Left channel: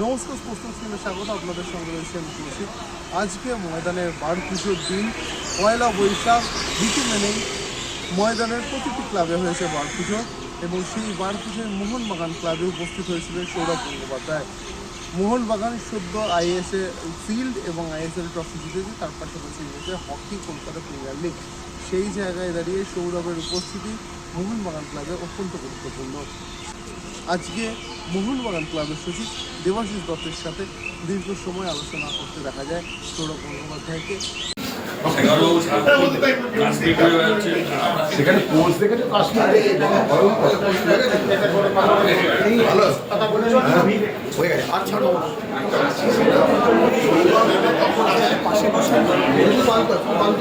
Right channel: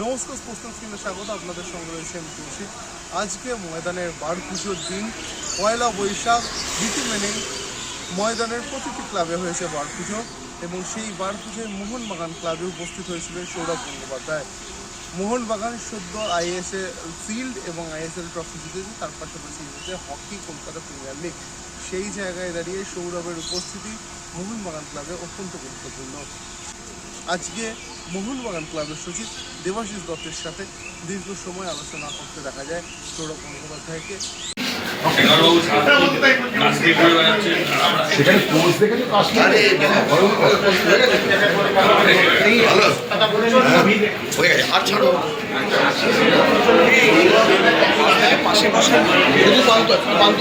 নমস্কার স্পোর্টস স্ক্রিনে স্বাগত আপনাদের সঙ্গে রয়েছে আমি কৌশিক আজকে ময়দানে বার পুজোর দিন, পয়লা বৈশাখ, রীতি মেনেই ময়দানের প্রতিটি ক্লাবে হয়েছে বার পুজো এবং সেই বার পুজোয় মোহনবাগান ক্লাবে উপস্থিত হয়েছিলেন সৌরভ গঙ্গোপাধ্যায়। মোহনবাগান সদ্য আইএসএ ফিল্ড এবং আইএসএল ট্রফি জিতেছে, তার পাশাপাশি জিতেছে হকি কলকাতা প্রিমিয়ার লিগ। সেই জায়গায় দাঁড়িয়ে সৌরভের উপস্থিতি মোহনবাগান ক্লাবে অত্যন্ত গুরুত্বপূর্ণ। আজকে মোহনবাগান ক্লাবের সচিব দেবাশিস দত্তের সাথে দীর্ঘ সময় আলোচনা করতে দেখা যায় সৌরভ ছাড়ো পাশে পাশে পান্ত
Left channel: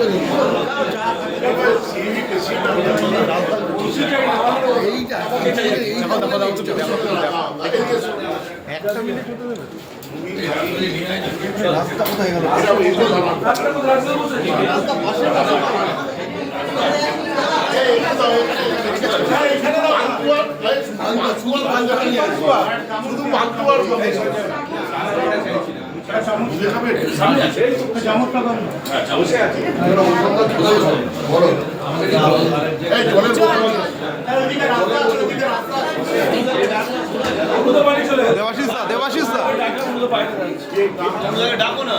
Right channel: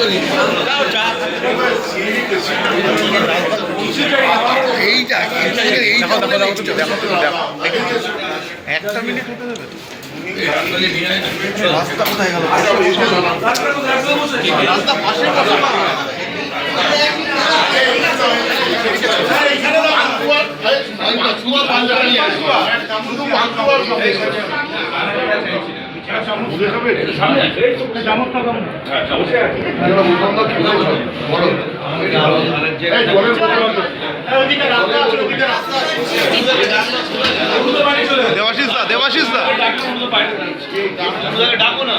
পান্ত নেই এইটা এইটা একটা মিনিট হতে দেবে রাস্তা কোথায় গেল রাস্তা পাশে পাশে না। শুধু পান্তা আর দেবাশিস দা ডাকো দা